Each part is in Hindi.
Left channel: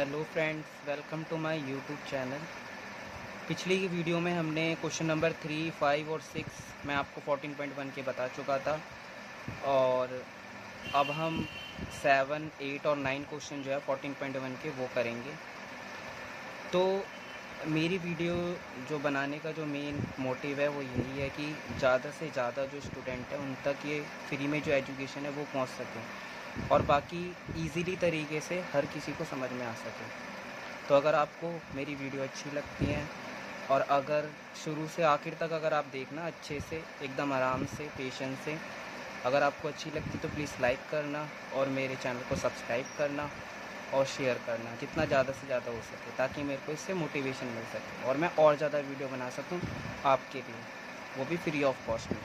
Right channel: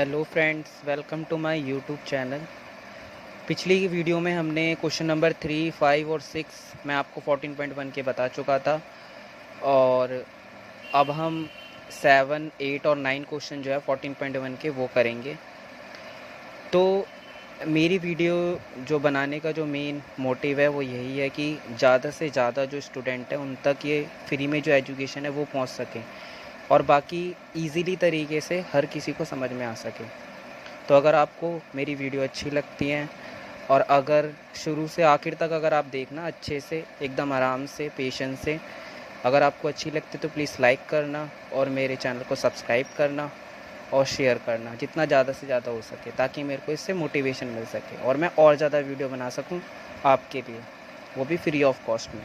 Hello friends, welcome to my YouTube channel. पिछली वीडियो में हमने क्वेश्चन नंबर 3, 5 और 6 मैं आपको 14.1 के बता चुका था। और अब हम 7, 8 और 9 क्वेश्चन जो है 14.1 के वो करेंगे। तो मेरी वीडियो जो बनाने का जो मेन मोटिव है वो यही है कि ज़्यादा से ज़्यादा जो स्टूडेंट है उन तक ये फ्री में जो एजुकेशन है वो पहुंच सके और बाकी इजीली तरीके से हर किसी को समझ में आ सके। तो अगर आपको मेरी वीडियो अच्छी लगती है और अगर शुरू से आखिर तक अगर आप देखना अच्छे से, एकदम आराम से, पेशेंस से, अगर आपको अच्छी लगती है तो प्लीज़ लाइक करना और मेरे चैनल को सब्सक्राइब करना और शेयर करना जितना ज़्यादा से ज़्यादा हो सके, ताकि मेरे को इससे मोटिवेशन मिल सके और मैं और ज़्यादा वीडियो बना सकूं आपके लिए, वो भी फ्री ऑफ कॉस्ट में।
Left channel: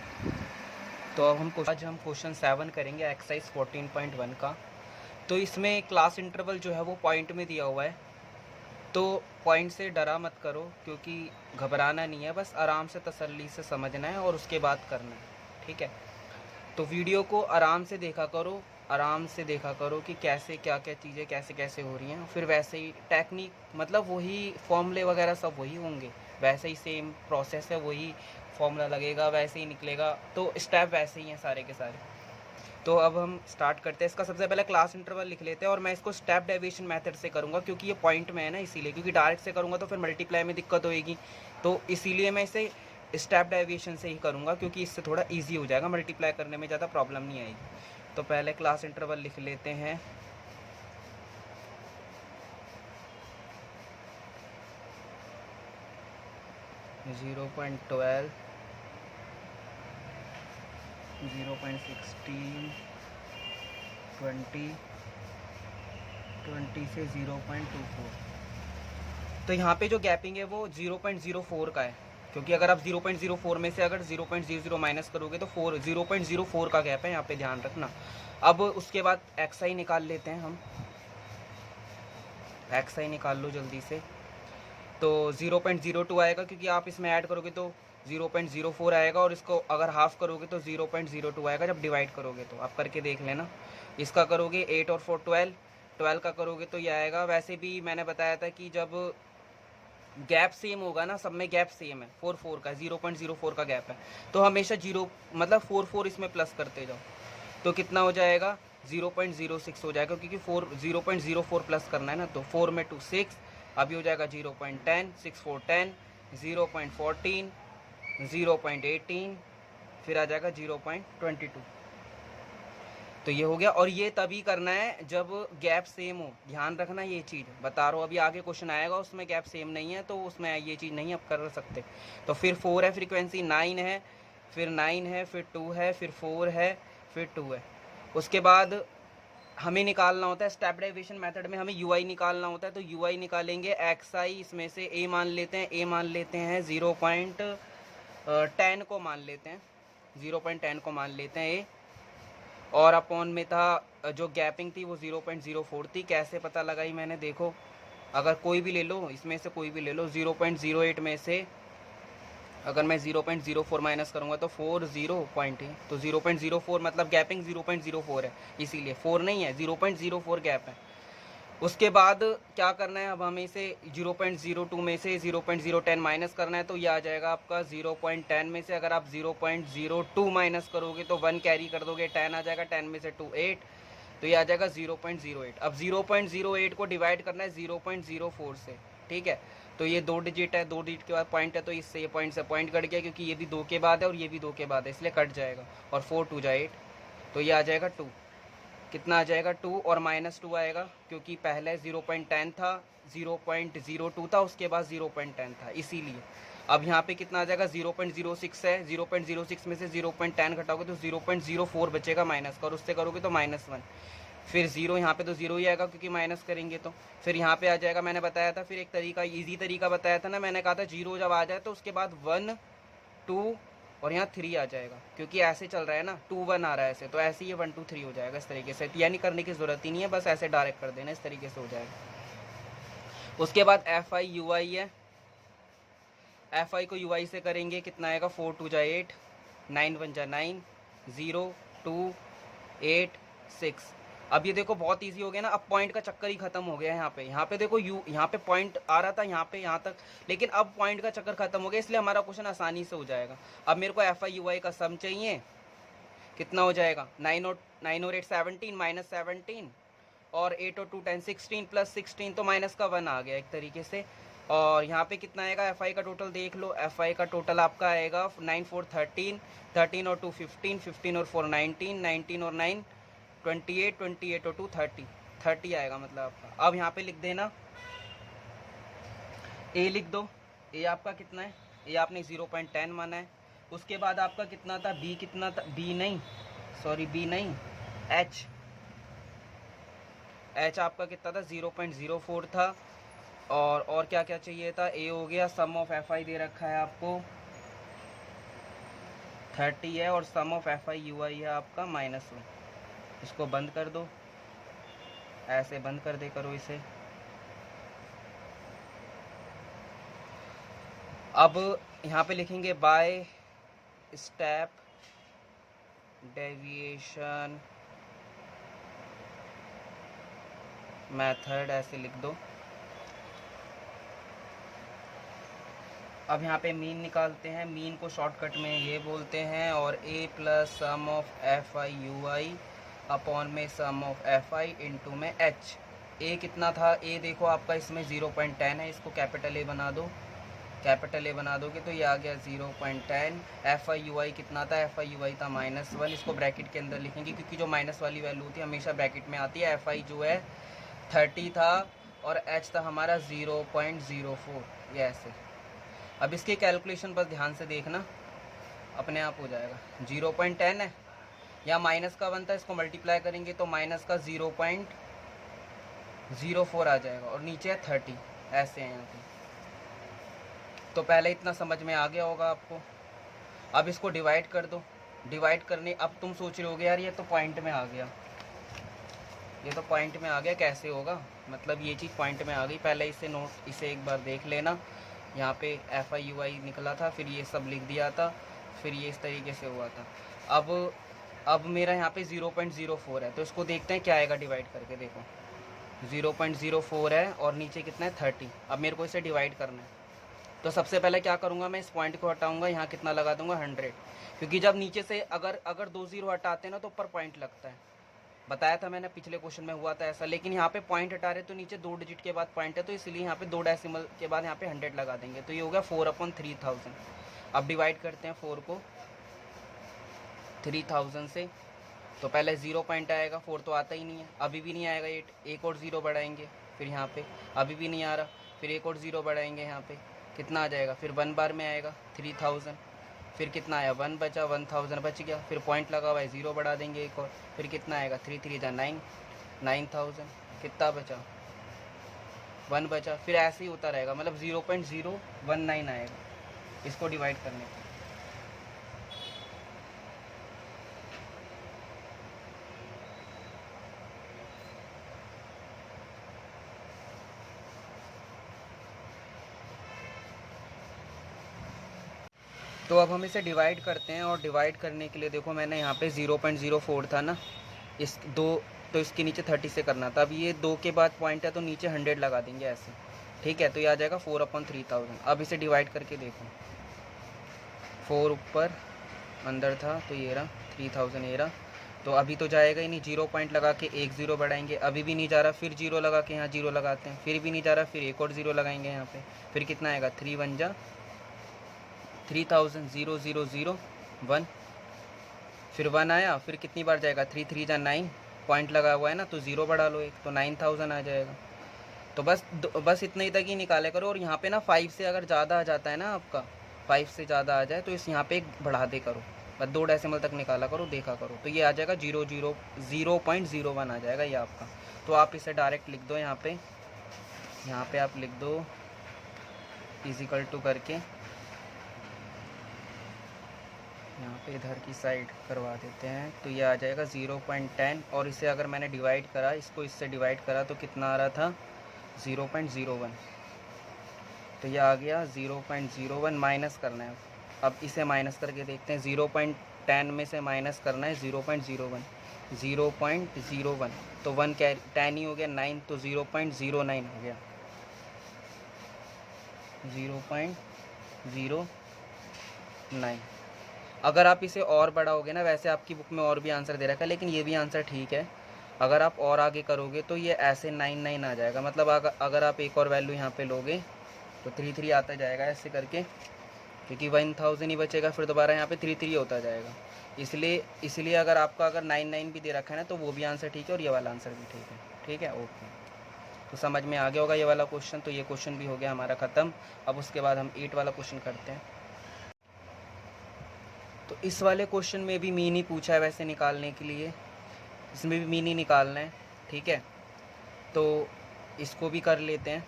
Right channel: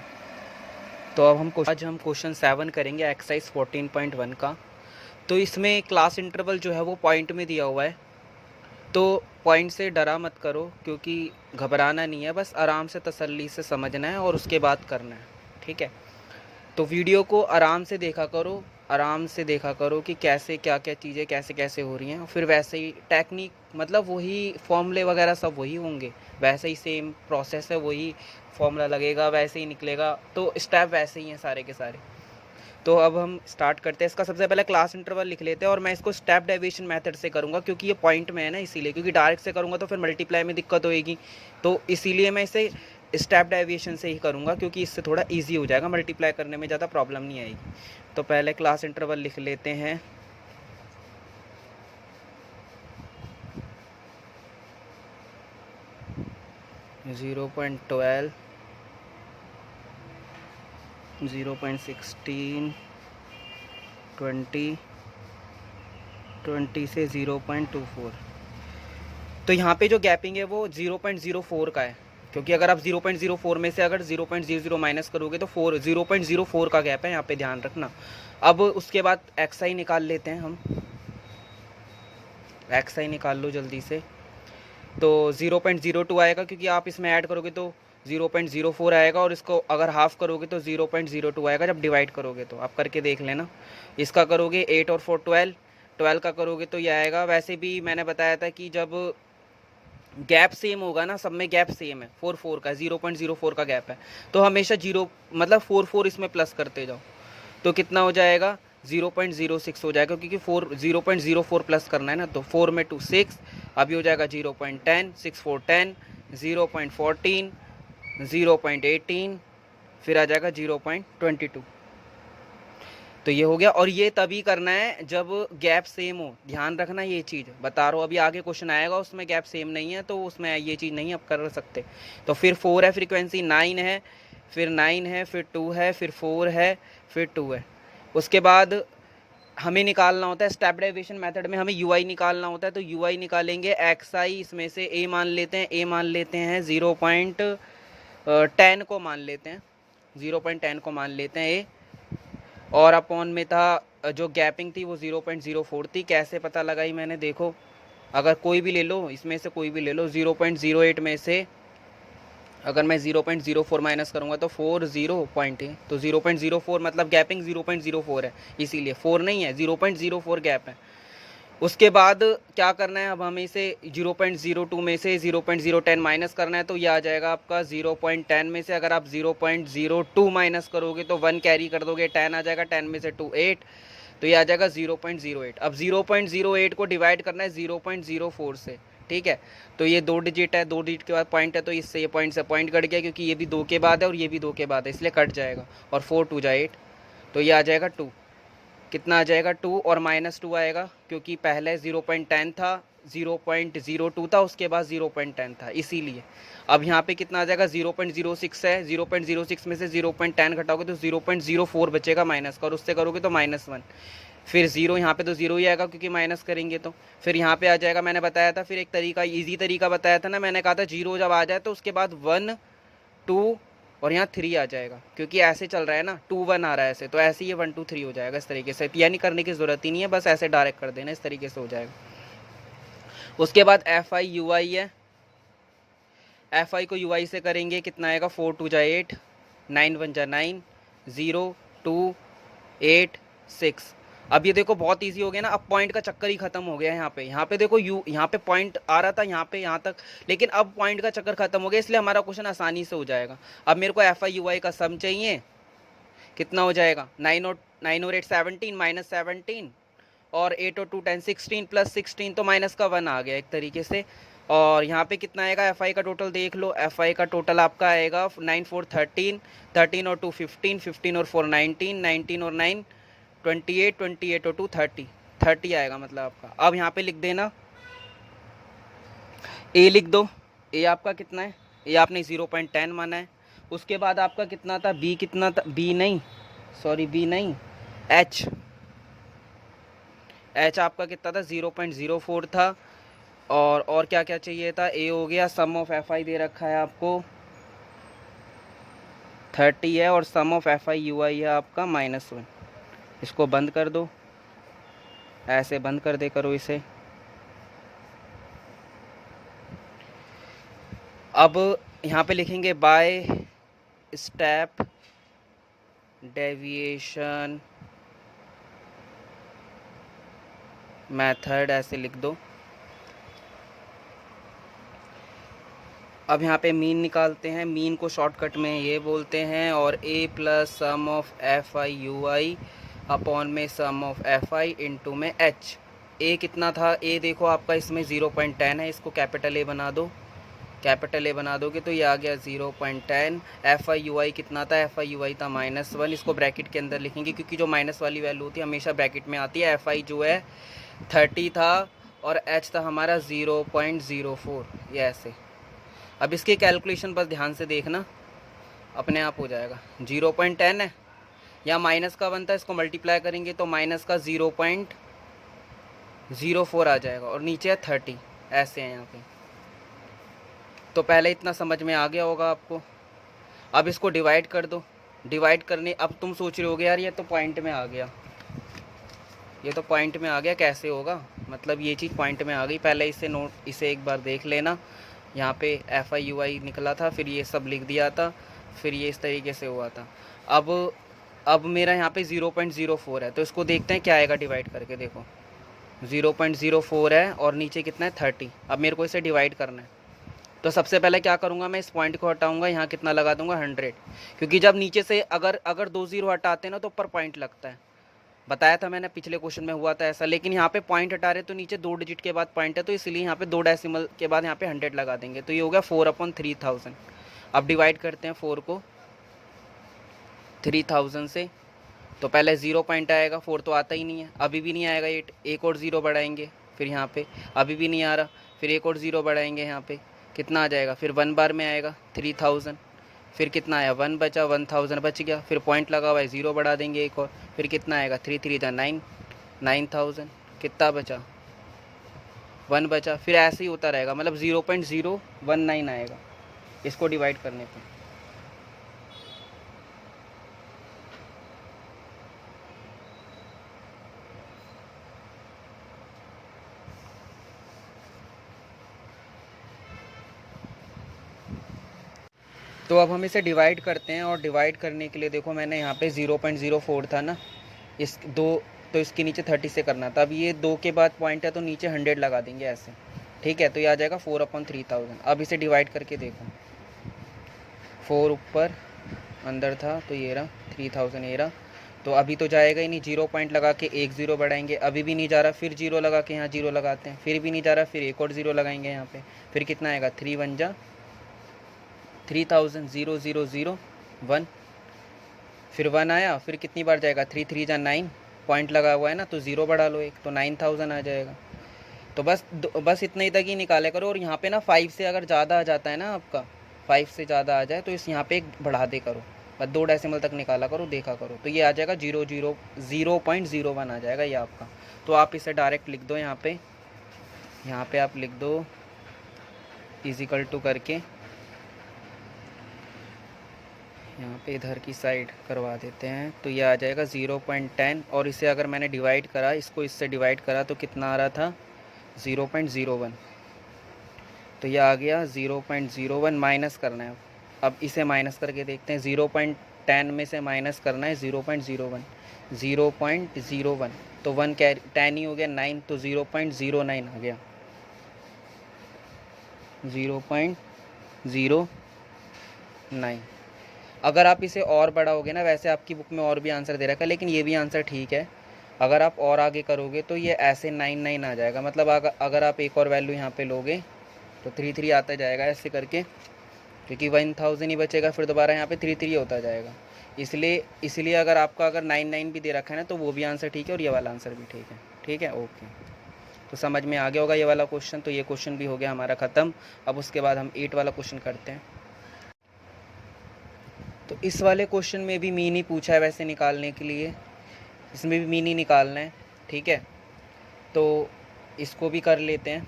तो अब आज हम क्वेश्चन 7 करेंगे एक्सरसाइज 14.1 का। तो इसमें क्लास इंटरवल जो है वो पॉइंट में दिया हुआ है। तो पॉइंट से डरा मत करो, क्योंकि घबराना नहीं है, बस आराम से तसल्ली से समझना है और उसके बाद करना है, ठीक है। तो वीडियो को आराम से देखा करो, आराम से देखा करो कि कैसे क्या क्या चीज़ें कैसे कैसे हो रही हैं। फिर वैसे ही टेक्निक, मतलब वही फॉर्मूले वगैरह सब वही होंगे, वैसे ही सेम प्रोसेस है, वही फॉर्मूला लगेगा, वैसे ही निकलेगा, तो स्टेप वैसे ही हैं सारे के सारे। तो अब हम स्टार्ट करते हैं। इसका सबसे पहले क्लास इंटरवल लिख लेते हैं और मैं इसको स्टेप डेविएशन मेथड से करूँगा, क्योंकि ये पॉइंट में है ना, इसीलिए। क्योंकि डायरेक्ट से करूँगा तो फिर मल्टीप्लाई में दिक्कत होएगी, तो इसीलिए मैं इसे स्टेप डेविएशन से ही करूँगा, क्योंकि इससे थोड़ा ईजी हो जाएगा, मल्टीप्लाई करने में ज़्यादा प्रॉब्लम नहीं आएगी। तो पहले क्लास इंटरवल लिख लेते हैं। ज़ीरो पॉइंट 12, 0.16, 20, 20 से 0.24। तो यहाँ पे जो गैपिंग है वो 0.04 का है, क्योंकि अगर आप 0.04 में से अगर 0.00 माइनस करोगे तो 0.04 का गैप है, यहाँ पे ध्यान रखना। अब उसके बाद एक्स आई निकाल लेते हैं हम। एक्स आई निकाल लो जल्दी से। तो 0.02 आएगा, क्योंकि आप इसमें ऐड करोगे तो 0.04 आएगा, और इसको अगर हाफ करोगे तो 0.02 आएगा जब डिवाइड करोगे। तो आप करके देख लेना। इसका करोगे 8 और 4 12, 12 का करोगे तो ये आएगा। वैसे भी मैंने बताया था कि जब गैप सेम होगा ना, सब में गैप सेम है, 4 का 0.04 का गैप है, तो हमेशा 0 मतलब 4 इसमें प्लस करते जाओ। तो कितना हो जाएगा, 0.06 हो जाएगा, क्योंकि 0.04 प्लस करना है ना। तो 4 में 2 6, अभी हो जाएगा 0.10, 6 4 10, 0.14, 0.18, फिर आ जाएगा 0.22। तो ये हो गया। और ये तभी करना है जब गैप सेम हो, ध्यान रखना ये चीज़ बता रहा हूँ। अभी आगे क्वेश्चन आएगा उसमें गैप सेम नहीं है, तो उसमें ये चीज़ नहीं आप कर सकते। तो फिर 4 है फ्रीक्वेंसी, 9 है, फिर 9 है, फिर 2 है, फिर 4 है, फिर 2 है। उसके बाद हमें निकालना होता है स्टेप डेविएशन मेथड में, हमें यू आई निकालना होता है। तो यू आई निकालेंगे एक्स आई, इसमें से ए मान लेते हैं, ए मान लेते हैं 0.10 को मान लेते हैं, 0.10 को मान लेते हैं ए। और अपॉन में था जो गैपिंग थी वो 0.04 थी। कैसे पता लगाई मैंने, देखो, अगर कोई भी ले लो, इसमें से कोई भी ले लो, 0.08 में से अगर मैं 0.04 माइनस करूँगा तो 40 पॉइंट है, तो 0.04 मतलब गैपिंग 0.04 है, इसीलिए 4 नहीं है, 0.04 गैप है। उसके बाद क्या करना है, अब हमें इसे 0.02 में से 0.010 माइनस करना है, तो ये आ जाएगा आपका 0.10 में से अगर आप 0.02 माइनस करोगे तो 1 कैरी कर दोगे, 10 आ जाएगा, 10 में से 2 8, तो ये आ जाएगा 0.08। अब 0.08 को डिवाइड करना है 0.04 से, ठीक है। तो ये 2 डिजिट है, 2 डिजिट के बाद पॉइंट है, तो इससे ये पॉइंट से पॉइंट कट गया, क्योंकि ये भी 2 के बाद है और ये भी 2 के बाद है, इसलिए कट जाएगा। और 4 2 जा 8, तो ये आ जाएगा 2। कितना आ जाएगा, 2 और -2 आएगा, क्योंकि पहले 0.10 था, 0.02 था, उसके बाद 0.10 था, इसीलिए। अब यहाँ पे कितना आ जाएगा, 0.06 है, 0.06 में से 0.10 घटाओगे तो 0.04 बचेगा माइनस का, और उससे करोगे तो -1। फिर 0, यहाँ पे तो 0 ही आएगा क्योंकि माइनस करेंगे तो। फिर यहाँ पे आ जाएगा, मैंने बताया था फिर एक तरीका, ईजी तरीका बताया था ना, मैंने कहा था 0 जब आ जाए तो उसके बाद 1 2 और यहाँ 3 आ जाएगा, क्योंकि ऐसे चल रहा है ना, 2 1 आ रहा है ऐसे, तो ऐसे ही 1 2 3 हो जाएगा इस तरीके से, यानी करने की ज़रूरत ही नहीं है, बस ऐसे डायरेक्ट कर देना, इस तरीके से हो जाएगा। उसके बाद एफ आई यू आई है, एफ आई को यू आई से करेंगे, कितना आएगा, 4 2 जा 8, 9 1 जा 9, 0 2 8 6, अब ये देखो बहुत इजी हो गया ना, अब पॉइंट का चक्कर ही खत्म हो गया है। यहाँ पे देखो यू, यहाँ पे पॉइंट आ रहा था यहाँ पे यहाँ तक, लेकिन अब पॉइंट का चक्कर खत्म हो गया, इसलिए हमारा क्वेश्चन आसानी से हो जाएगा। अब मेरे को एफ आई यू आई का सम चाहिए, कितना हो जाएगा 9 और 8 17 माइनस 17 और 8 और 2 10 16 प्लस 16 तो माइनस का 1 आ गया एक तरीके से। और यहाँ पे कितना आएगा एफ आई का टोटल देख लो, एफ आई का टोटल आपका आएगा 9 4 13 13 और 2 15 15 और 4 19 19 और 9 28 28 और 2 30 30 आएगा मतलब आपका। अब यहाँ पे लिख देना, ए लिख दो, ए आपका कितना है, ए आपने 0.10 माना है। उसके बाद आपका कितना था, बी कितना था, बी नहीं सॉरी बी नहीं एच, एच आपका कितना था 0.04 था। और क्या क्या चाहिए था, ए हो गया, सम ऑफ एफ आई दे रखा है आपको 30 है और सम ऑफ एफ आई यू आई है आपका -1। इसको बंद कर दो, ऐसे बंद कर दे करो इसे। अब यहाँ पे लिखेंगे बाय स्टेप डेविएशन मेथड, ऐसे लिख दो। अब यहाँ पे मीन निकालते हैं, मीन को शॉर्टकट में ये बोलते हैं, और A plus sum of F I U I upon में sum of F I into में एच। ए कितना था, ए देखो आपका इसमें 0.10 है, इसको कैपिटल ए बना दो, कैपिटल ए बना दोगे तो ये आ गया 0.10। एफ आई यू आई कितना था, एफ आई यू आई था -1, इसको ब्रैकेट के अंदर लिखेंगे क्योंकि जो माइनस वाली वैल्यू होती है हमेशा ब्रैकेट में आती है। एफ आई जो है 30 था और एच था हमारा 0.04, ये ऐसे। अब इसकी कैलकुलेशन बस ध्यान से देखना, अपने आप हो जाएगा। 0.10 है, या माइनस का बनता है, इसको मल्टीप्लाई करेंगे तो माइनस का 0.04 आ जाएगा, और नीचे है 30, ऐसे है यहाँ पे। तो पहले इतना समझ में आ गया होगा आपको। अब इसको डिवाइड कर दो, डिवाइड करने, अब तुम सोच रहे होगे यार ये तो पॉइंट में आ गया, ये तो पॉइंट में आ गया, कैसे होगा, मतलब ये चीज़ पॉइंट में आ गई। पहले इसे एक बार देख लेना, यहाँ पे एफ आई यू आई निकला था, फिर ये सब लिख दिया था, फिर ये इस तरीके से हुआ था। अब मेरा यहाँ पे 0.04 है, तो इसको देखते हैं क्या आएगा डिवाइड करके। देखो 0.04 है और नीचे कितना है 30। अब मेरे को इसे डिवाइड करना है, तो सबसे पहले क्या करूँगा, मैं इस पॉइंट को हटाऊँगा, यहाँ कितना लगा दूँगा 100, क्योंकि जब नीचे से अगर 2 0 हटाते हैं ना तो ऊपर पॉइंट लगता है, बताया था मैंने, पिछले क्वेश्चन में हुआ था ऐसा। लेकिन यहाँ पे पॉइंट हटा रहे तो नीचे 2 डिजिट के बाद पॉइंट है, तो इसलिए यहाँ पे 2 डेसिमल के बाद यहाँ पे 100 लगा देंगे, तो ये हो गया 4/3000। अब डिवाइड करते हैं 4 को 3000 से, तो पहले 0 पॉइंट आएगा, 4 तो आता ही नहीं है, अभी भी नहीं आएगा 8, एक और 0 बढ़ाएंगे, फिर यहाँ पे अभी भी नहीं आ रहा, फिर एक और 0 बढ़ाएंगे, यहाँ पे कितना आ जाएगा, फिर 1 बार में आएगा 3000, फिर कितना आया 1 बचा, 1000 बच गया, फिर पॉइंट लगा हुआ है 0 बढ़ा देंगे एक और, फिर कितना आएगा 3 3 जा 9, 9000, कितना बचा 1 बचा, फिर ऐसे ही होता रहेगा, मतलब 0.019 आएगा इसको डिवाइड करने पर। तो अब हम इसे डिवाइड करते हैं, और डिवाइड करने के लिए देखो मैंने यहाँ पे 0.04 था ना, इस 2, तो इसके नीचे 30 से करना था। अब ये 2 के बाद पॉइंट है तो नीचे 100 लगा देंगे ऐसे, ठीक है, तो ये आ जाएगा 4/3000। अब इसे डिवाइड करके देखो, 4 ऊपर अंदर था तो ये रहा 3000, ये रहा, तो अभी तो जाएगा ही नहीं, 0 पॉइंट लगा के एक 0 बढ़ाएंगे, अभी भी नहीं जा रहा, फिर 0 लगा के यहाँ 0 लगाते हैं, फिर भी नहीं जा रहा, फिर एक और 0 लगाएंगे यहाँ पे, फिर कितना आएगा 3 1 जा 3000, 0 0 0 1, फिर 1 आया, फिर कितनी बार जाएगा 3 3 जा 9, पॉइंट लगा हुआ है ना तो 0 बढ़ा लो एक, तो 9000 आ जाएगा। तो बस इतना ही तक ही निकाले करो, और यहाँ पे ना 5 से अगर ज़्यादा आ जाता है ना आपका, 5 से ज़्यादा आ जाए तो इस यहाँ पे एक बढ़ा दे करो, बस 2 डेसिमल तक निकाला करो, देखा करो, तो ये आ जाएगा 0.01 आ जाएगा ये आपका। तो आप इसे डायरेक्ट लिख दो, यहाँ पे आप लिख दो इजिकल टू करके, यहाँ पे इधर की साइड करवा देते हैं, तो ये आ जाएगा 0.10, और इसे अगर मैंने डिवाइड करा, इसको इससे डिवाइड करा तो कितना आ रहा था 0.01, तो ये आ गया 0.01, माइनस करना है। अब इसे माइनस करके देखते हैं, 0.10 में से माइनस करना है 0.01, 0.01, तो 1 कैरी 10 ही हो गया, 9 तो 0.09 हो गया, 0.09। अगर आप इसे और बढ़ाओगे ना, वैसे आपकी बुक में और भी आंसर दे रखा है लेकिन ये भी आंसर ठीक है, अगर आप और आगे करोगे तो ये ऐसे 9 आ जाएगा। मतलब अगर आप एक और वैल्यू यहाँ पे लोगे तो 3 आता जाएगा ऐसे करके, क्योंकि 1000 ही बचेगा, फिर दोबारा यहाँ पे 3 होता जाएगा। इसलिए अगर आपका 9 भी दे रखा है ना तो वो भी आंसर ठीक है और ये वाला आंसर भी ठीक है। ठीक है, ओके। तो समझ में आ गया होगा ये वाला क्वेश्चन। तो ये क्वेश्चन भी हो गया हमारा ख़त्म। अब उसके बाद हम 8 वाला क्वेश्चन करते हैं। तो इस वाले क्वेश्चन में भी मीन ही पूछा है वैसे निकालने के लिए, इसमें भी मीन ही निकालना है। ठीक है, तो इसको भी कर लेते हैं।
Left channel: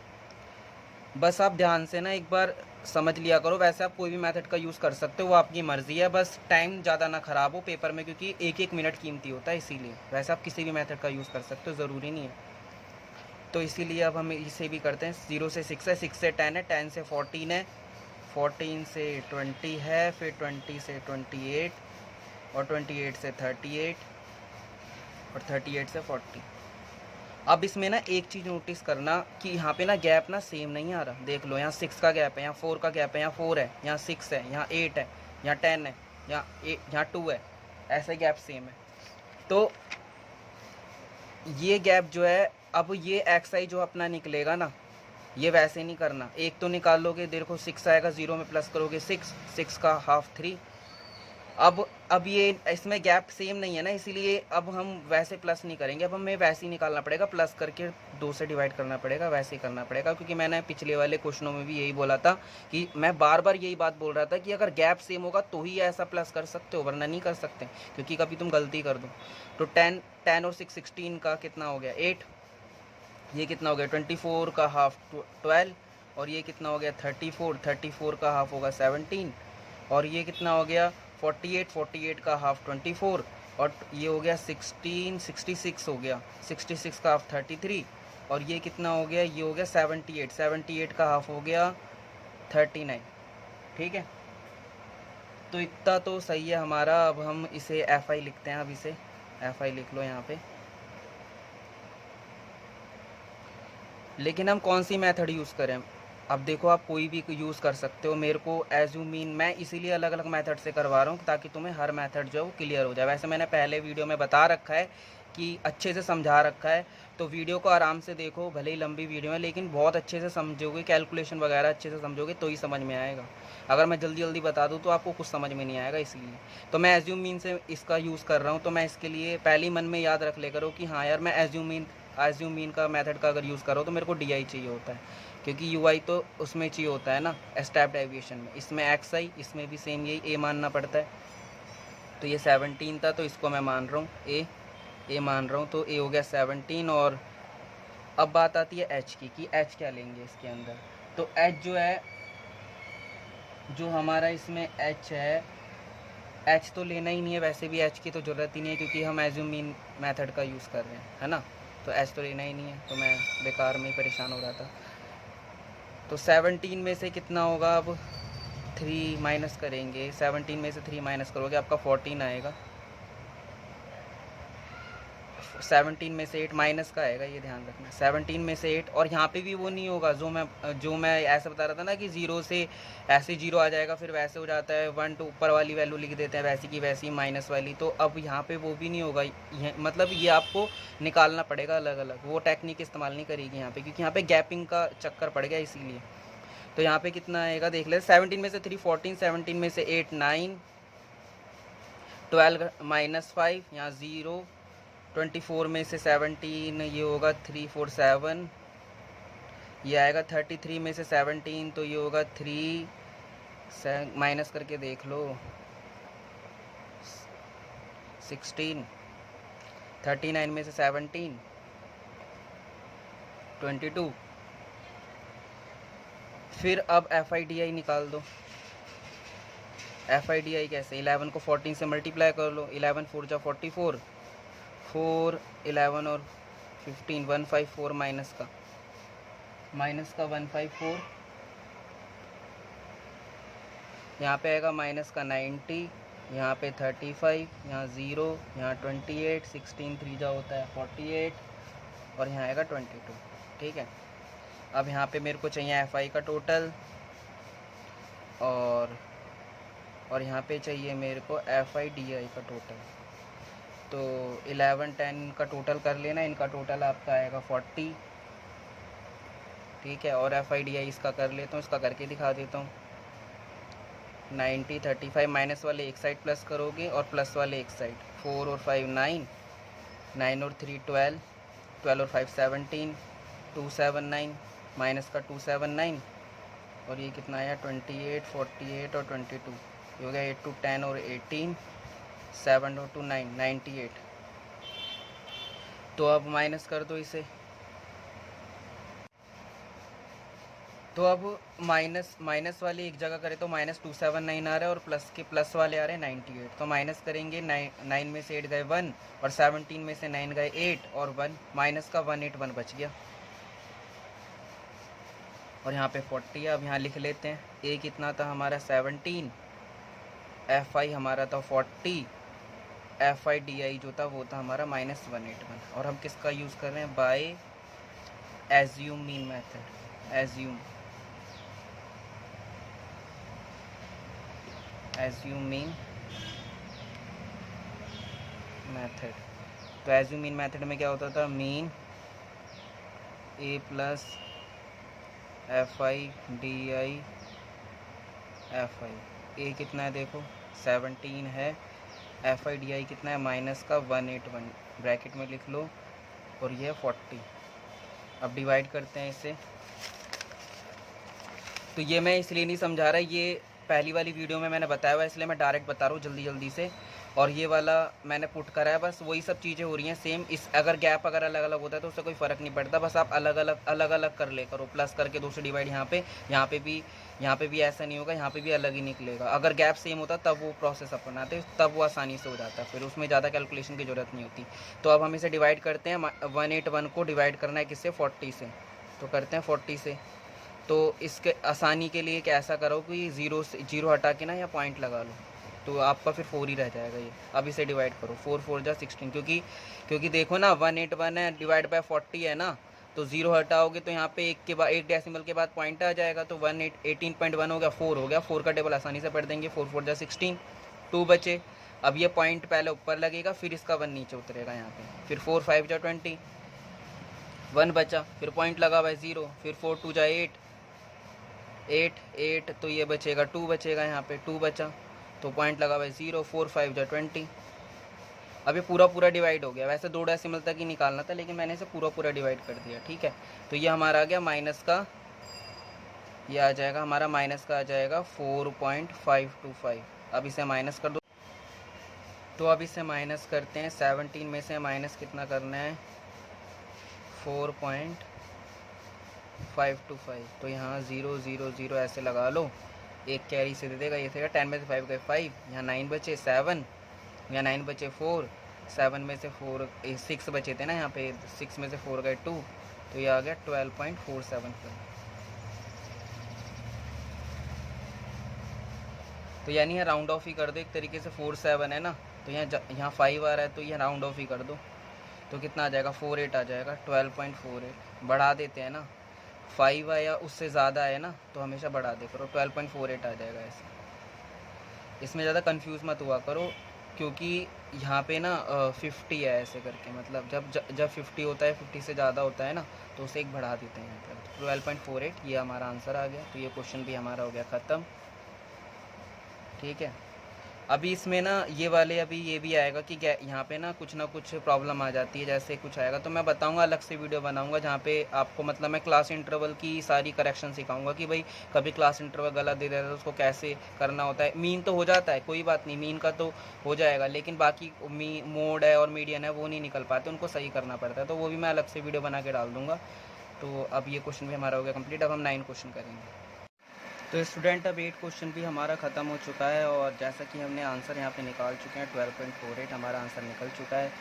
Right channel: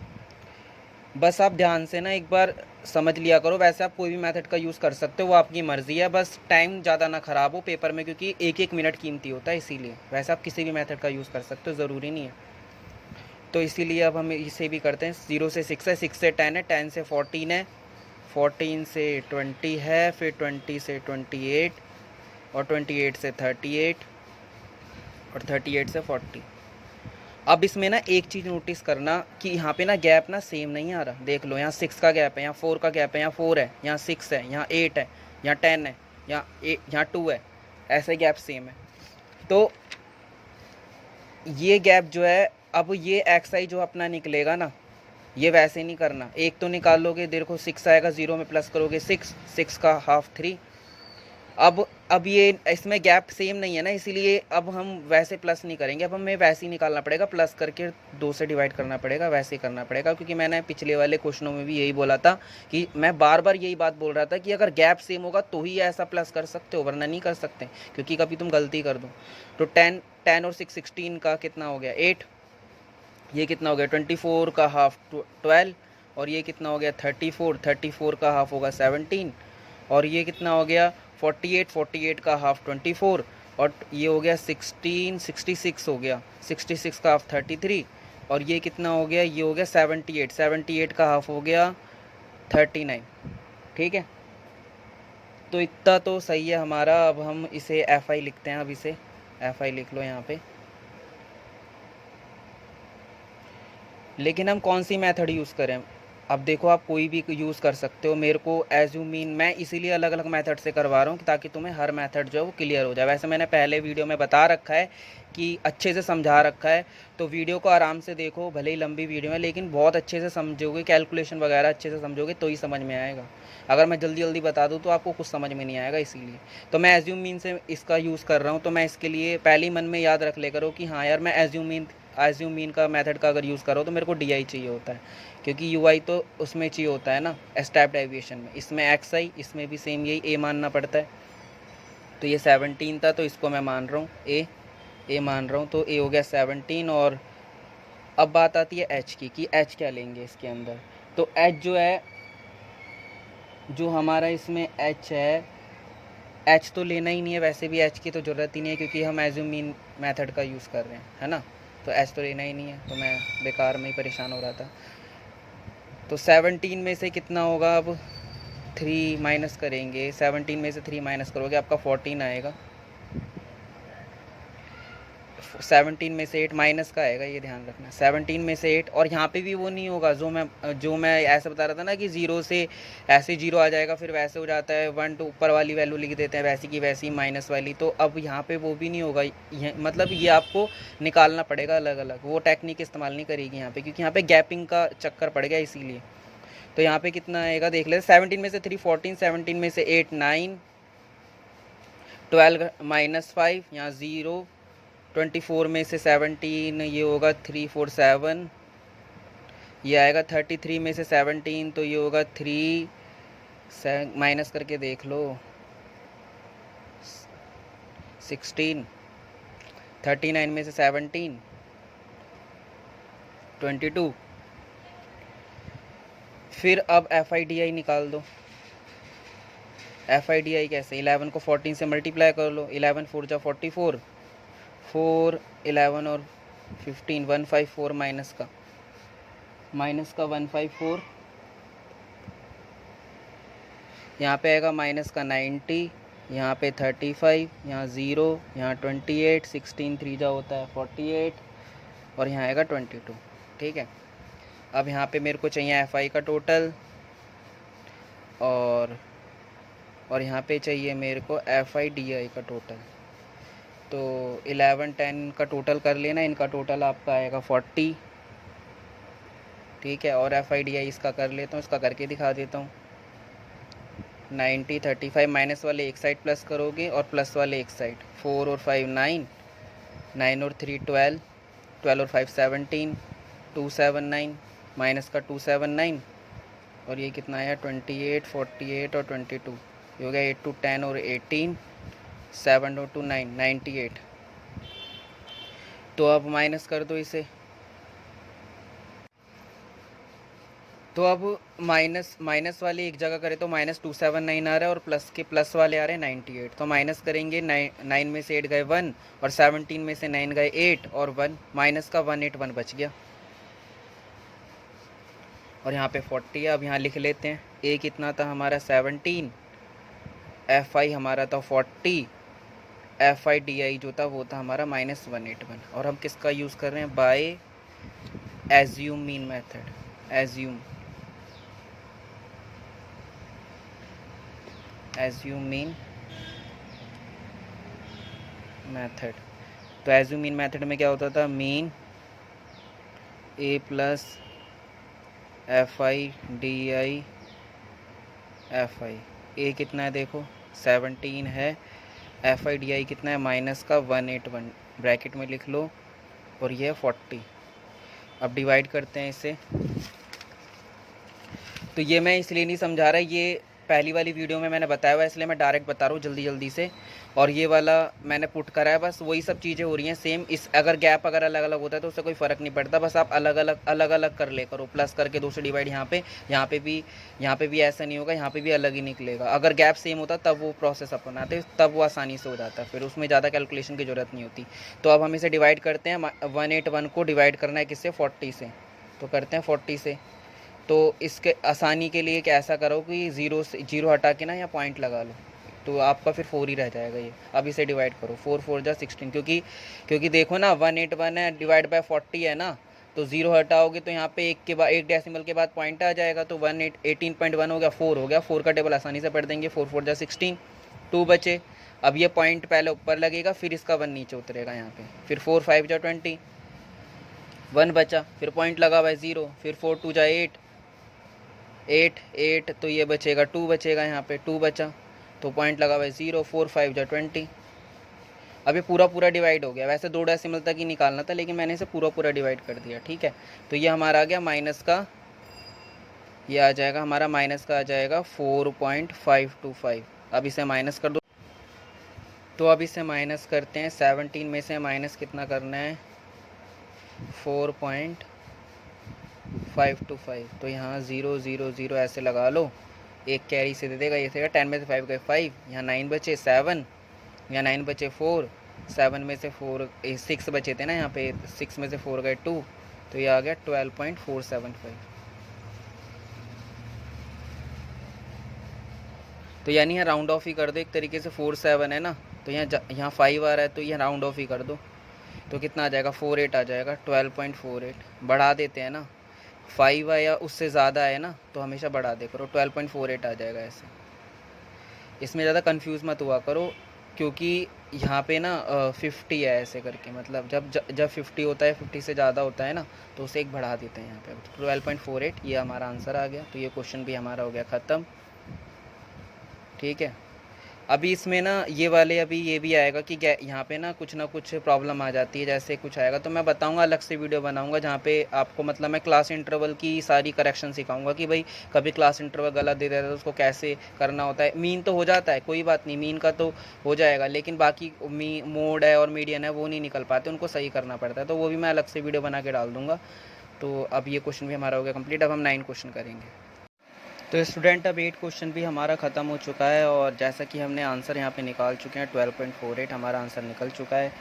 बस आप ध्यान से ना एक बार समझ लिया करो। वैसे आप कोई भी मेथड का यूज़ कर सकते हो, वो आपकी मर्ज़ी है, बस टाइम ज़्यादा ना ख़राब हो पेपर में, क्योंकि एक मिनट कीमती होता है, इसीलिए। वैसे आप किसी भी मेथड का यूज़ कर सकते हो, ज़रूरी नहीं है। तो इसीलिए अब हम इसे भी करते हैं। 0 से 6 है, 6 से 10 है, 10 से 14 है, 14 से 20 है, फिर 20 से 28 और 28 से 38 और 38 से 40। अब इसमें ना एक चीज़ नोटिस करना कि यहाँ पे ना गैप ना सेम नहीं आ रहा। देख लो, यहाँ 6 का गैप है, यहाँ 4 का गैप है, यहाँ 4 है, यहाँ 6 है, यहाँ 8 है, यहाँ 10 है, यहाँ 2 है, ऐसे गैप सेम है। तो ये गैप जो है, अब ये XI जो अपना निकलेगा ना, ये वैसे नहीं करना। एक तो निकाल लोगे, देखो 6 आएगा, 0 में प्लस करोगे 6 का हाफ 3। अब ये इसमें गैप सेम नहीं है ना, इसीलिए अब हम वैसे प्लस नहीं करेंगे, अब हमें वैसे ही निकालना पड़ेगा, प्लस करके 2 से डिवाइड करना पड़ेगा, वैसे ही करना पड़ेगा। क्योंकि मैंने पिछले वाले क्वेश्चनों में भी यही बोला था कि मैं बार बार यही बात बोल रहा था कि अगर गैप सेम होगा तो ही ऐसा प्लस कर सकते हो, वरना नहीं कर सकते, क्योंकि कभी तुम गलती कर दो। तो 10 और 6 16 का कितना हो गया 8, ये कितना हो गया 24 का हाफ 12, और ये कितना हो गया 34 का हाफ होगा 17, और ये कितना हो गया 48 का हाफ 24, और ये हो गया 66 हो गया, 66 का हाफ 33, और ये कितना हो गया, ये हो गया 78 का हाफ हो गया 39। ठीक है, तो इतना तो सही है हमारा। अब हम इसे FI लिखते हैं। अब इसे FI लिख लो यहाँ पे। लेकिन हम कौन सी मेथड यूज़ करें? अब देखो, आप कोई भी यूज़ कर सकते हो। मेरे को एज यू मीन, मैं इसीलिए अलग अलग मेथड से करवा रहा हूँ ताकि तुम्हें हर मेथड जो है वो क्लियर हो जाए। वैसे मैंने पहले वीडियो में बता रखा है कि अच्छे से समझा रखा है, तो वीडियो को आराम से देखो। भले ही लंबी वीडियो है लेकिन बहुत अच्छे से समझोगे, कैलकुलेशन वगैरह अच्छे से समझोगे तो ही समझ में आएगा। अगर मैं जल्दी जल्दी बता दूँ तो आपको कुछ समझ में नहीं आएगा, इसीलिए तो मैं एज यू मीन से इसका यूज़ कर रहा हूँ। तो मैं इसके लिए पहले ही मन में याद रख ले करो कि हाँ यार, मैं एज यू मीन का मेथड का अगर यूज़ करो तो मेरे को DI चाहिए होता है, क्योंकि UI तो उसमें चाहिए होता है ना, स्टेप्ड डेविएशन में। इसमें XI, इसमें भी सेम यही A मानना पड़ता है। तो ये 17 था, तो इसको मैं मान रहा हूँ A मान रहा हूँ, तो A हो गया 17। और अब बात आती है H की, कि H क्या लेंगे इसके अंदर। तो H जो है, जो हमारा इसमें H है, H तो लेना ही नहीं है, वैसे भी H की तो ज़रूरत ही नहीं है, क्योंकि हम एज यू मीन मेथड का यूज़ कर रहे हैं, है ना। तो H तो लेना ही नहीं है, तो मैं बेकार में ही परेशान हो रहा था। तो 17 में से कितना होगा, अब 3 माइनस करेंगे। 17 में से 3 माइनस करोगे, आपका 14 आएगा। 17 में से 8 माइनस का आएगा, ये ध्यान रखना। 17 में से 8, और यहाँ पे भी वो नहीं होगा जो मैं ऐसा बता रहा था ना कि 0 से ऐसे 0 आ जाएगा, फिर वैसे हो जाता है 1 तो ऊपर वाली वैल्यू लिख देते हैं वैसी की वैसी माइनस वाली। तो अब यहाँ पे वो भी नहीं होगा, मतलब ये आपको निकालना पड़ेगा अलग अलग। वो टेक्निक इस्तेमाल नहीं करेगी यहाँ पे, क्योंकि यहाँ पे गैपिंग का चक्कर पड़ेगा, इसीलिए। तो यहाँ पे कितना आएगा देख ले। 17 में से 3 14, 17 में से 8 9, 12 माइनस 5, यहाँ 0, 24 में से 17, ये होगा 3 4 7, ये आएगा 33 में से 17, तो ये होगा 3 माइनस करके देख लो 16, 39 में से 17 22। फिर अब FIDI निकाल दो। FIDI कैसे, 11 को 14 से मल्टीप्लाई कर लो। 11 4 जा 44, 4 11 और 15, 154 माइनस का 154, यहाँ पे आएगा माइनस का 90, यहाँ पे 35, यहाँ 0, यहाँ 28, 16 3 जा होता है 48, और यहाँ आएगा 22। ठीक है, अब यहाँ पे मेरे को चाहिए FI का टोटल और यहाँ पे चाहिए मेरे को FI DI का टोटल। तो 11 10 का टोटल कर लेना, इनका टोटल आपका आएगा 40। ठीक है, और FI DI इसका कर लेता हूँ, इसका करके दिखा देता हूँ। 90 35 माइनस वाले एक साइड प्लस करोगे और प्लस वाले एक साइड। 4 और 5 9, 9 और 3 12, 12 और 5 17, 279 माइनस का 279 और ये कितना आया 28 48 और 22, ये हो गया 8 to 10 और 18, 7 और 2 9 98। तो अब माइनस कर दो इसे। तो अब माइनस वाले एक जगह करें तो -279 आ रहा है और प्लस वाले आ रहे हैं 98। तो माइनस करेंगे, 9 में से 8 गए 1 और 17 में से 9 गए 8 और 1, माइनस का 181 बच गया। और यहाँ पे 40 है। अब यहाँ लिख लेते हैं, ए कितना था हमारा 17, FI हमारा था 40, FI DI जो था वो था हमारा -181। और हम किसका यूज़ कर रहे हैं, by assume mean method. Assume mean method. तो एज्यूम मीन मेथड में क्या होता था, mean A plus FI DI FI। A कितना है देखो 17 है, FI DI कितना है माइनस का 181, ब्रैकेट में लिख लो, और ये 40। अब डिवाइड करते हैं इसे। तो ये मैं इसलिए नहीं समझा रहा, ये पहली वाली वीडियो में मैंने बताया हुआ है, इसलिए मैं डायरेक्ट बता रहा हूँ जल्दी से। और ये वाला मैंने पुट करा है, बस वही सब चीज़ें हो रही हैं सेम। इस अगर गैप अगर अलग अलग होता है तो उससे कोई फ़र्क नहीं पड़ता, बस आप अलग अलग कर ले करो। प्लस करके 2 से डिवाइड यहाँ पे भी ऐसा नहीं होगा, यहाँ पे भी अलग ही निकलेगा। अगर गैप सेम होता तब वो प्रोसेस अपनाते, तब वो आसानी से हो जाता, फिर उसमें ज़्यादा कैलकुलेशन की ज़रूरत नहीं होती। तो अब हम इसे डिवाइड करते हैं। 181 को डिवाइड करना है किससे, 40 से। तो करते हैं 40 से। तो इसके आसानी के लिए क्या ऐसा करो कि जीरो हटा के ना या पॉइंट लगा लो, तो आपका फिर 4 ही रह जाएगा ये। अब इसे डिवाइड करो, 4 4 जा 16, क्योंकि देखो ना 181 है डिवाइड बाय 40 है ना, तो 0 हटाओगे तो यहाँ पे एक डेसिमल के बाद पॉइंट आ जाएगा, तो 18.1 हो गया, 4 हो गया। 4 का टेबल आसानी से पढ़ देंगे, 4 4 जा 16, 2 बचे। अब ये पॉइंट पहले ऊपर लगेगा, फिर इसका 1 नीचे उतरेगा यहाँ पे, फिर 4 5 जा 20, 1 बचा, फिर पॉइंट लगा हुआ है 0, फिर 4 2 जा 8, तो ये बचेगा 2 बचेगा, यहाँ पे 2 बचा, तो पॉइंट लगा हुआ है 0, 4 5 जा 20। अब ये पूरा डिवाइड हो गया। वैसे 2 डेसिमल तक ही निकालना था, लेकिन मैंने इसे पूरा डिवाइड कर दिया। ठीक है, तो ये हमारा आ गया माइनस का, ये आ जाएगा हमारा माइनस का आ जाएगा 4.525। अब इसे माइनस कर दो। तो अब इसे माइनस करते हैं, 17 में से माइनस कितना करना है, 4.525। तो यहाँ 0 0 0 ऐसे लगा लो, एक कैरी से दे देगा, ये से 10 में से 5 गए 5, यहाँ 9 बचे 7, यहाँ 9 बचे 4, 7 में से 6 बचे थे ना, यहाँ पे 6 में से 4 गए 2, तो ये आ गया 12.475। तो यानी यहाँ राउंड ऑफ ही कर दो एक तरीके से। 4 7 है ना, तो यहाँ 5 आ रहा है, तो ये राउंड ऑफ ही कर दो, तो कितना आ जाएगा 48 आ जाएगा, 12.48। बढ़ा देते हैं ना, 5 आया उससे ज़्यादा है ना, तो हमेशा बढ़ा दे करो, 12.48 आ जाएगा ऐसे। इसमें ज़्यादा कंफ्यूज मत हुआ करो, क्योंकि यहाँ पे ना 50 है ऐसे करके, मतलब जब 50 होता है, 50 से ज़्यादा होता है ना, तो उसे एक बढ़ा देते हैं यहाँ पे। 12.48 ये हमारा आंसर आ गया। तो ये क्वेश्चन भी हमारा हो गया ख़त्म। ठीक है, अभी इसमें ना ये वाले अभी ये भी आएगा कि यहाँ पे ना कुछ प्रॉब्लम आ जाती है, जैसे कुछ आएगा तो मैं बताऊंगा, अलग से वीडियो बनाऊंगा जहाँ पे आपको मतलब मैं क्लास इंटरवल की सारी करेक्शन सिखाऊंगा कि भाई कभी क्लास इंटरवल गलत दे देता है तो उसको कैसे करना होता है। मीन तो हो जाता है, कोई बात नहीं, मीन का तो हो जाएगा, लेकिन बाकी मोड है और मीडियन है वो नहीं निकल पाते, उनको सही करना पड़ता है, तो वो भी मैं अलग से वीडियो बना के डाल दूँगा। तो अब ये क्वेश्चन भी हमारा हो गया कंप्लीट। अब हम 9 क्वेश्चन करेंगे। तो स्टूडेंट अब 8 क्वेश्चन भी हमारा ख़त्म हो चुका है, और जैसा कि हमने आंसर यहाँ पे निकाल चुके हैं, 12.48 हमारा आंसर निकल चुका है।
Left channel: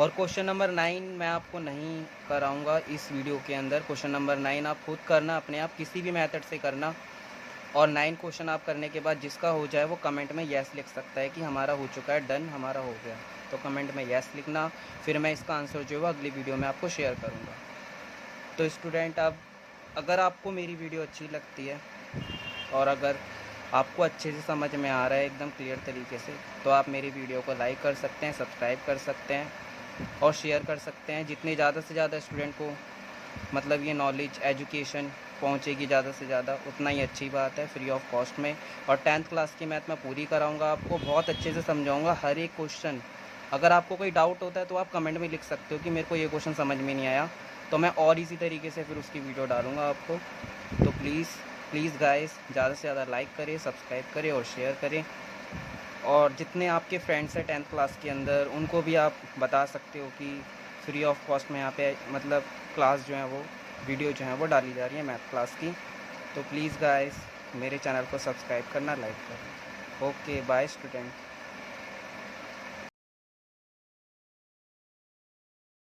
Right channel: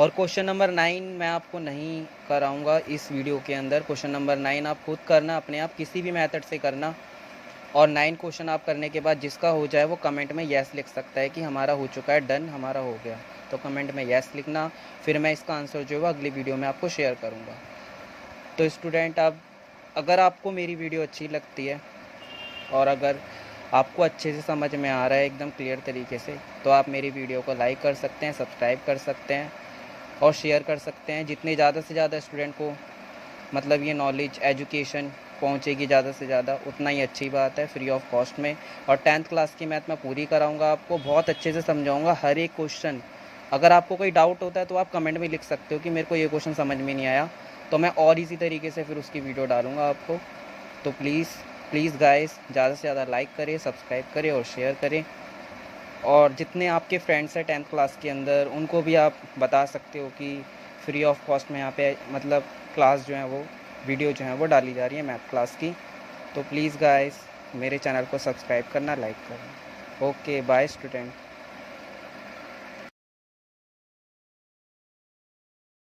और क्वेश्चन नंबर 9 मैं आपको नहीं कराऊंगा इस वीडियो के अंदर। क्वेश्चन नंबर 9 आप खुद करना, अपने आप किसी भी मेथड से करना, और 9 क्वेश्चन आप करने के बाद जिसका हो जाए वो कमेंट में येस लिख सकता है कि हमारा हो चुका है, डन, हमारा हो गया। तो कमेंट में येस लिखना, फिर मैं इसका आंसर जो है अगली वीडियो में आपको शेयर करूँगा। तो स्टूडेंट, आप अगर आपको मेरी वीडियो अच्छी लगती है और अगर आपको अच्छे से समझ में आ रहा है एकदम क्लियर तरीके से, तो आप मेरी वीडियो को लाइक कर सकते हैं, सब्सक्राइब कर सकते हैं और शेयर कर सकते हैं। जितने ज़्यादा से ज़्यादा स्टूडेंट को मतलब ये नॉलेज, एजुकेशन पहुंचेगी ज़्यादा से ज़्यादा, उतना ही अच्छी बात है, फ्री ऑफ कॉस्ट में। और 10th क्लास की मैथ मैं पूरी कराऊंगा, आपको बहुत अच्छे से समझाऊंगा हर एक क्वेश्चन। अगर आपको कोई डाउट होता है तो आप कमेंट में लिख सकते हो कि मेरे को ये क्वेश्चन समझ में नहीं आया, तो मैं और इसी तरीके से फिर उसकी वीडियो डालूँगा आपको। तो प्लीज़ गाइस, ज़्यादा से ज़्यादा लाइक करें, सब्सक्राइब करें और शेयर करें। और जितने आपके फ्रेंड्स हैं 10th क्लास के अंदर, उनको भी आप बता सकते हो कि फ्री ऑफ कॉस्ट में यहाँ पे मतलब क्लास जो है वो वीडियो जो है वो डाली जा रही है मैथ क्लास की। तो प्लीज़ गाइस, मेरे चैनल को सब्सक्राइब करना, लाइक करना। Okay, bye student.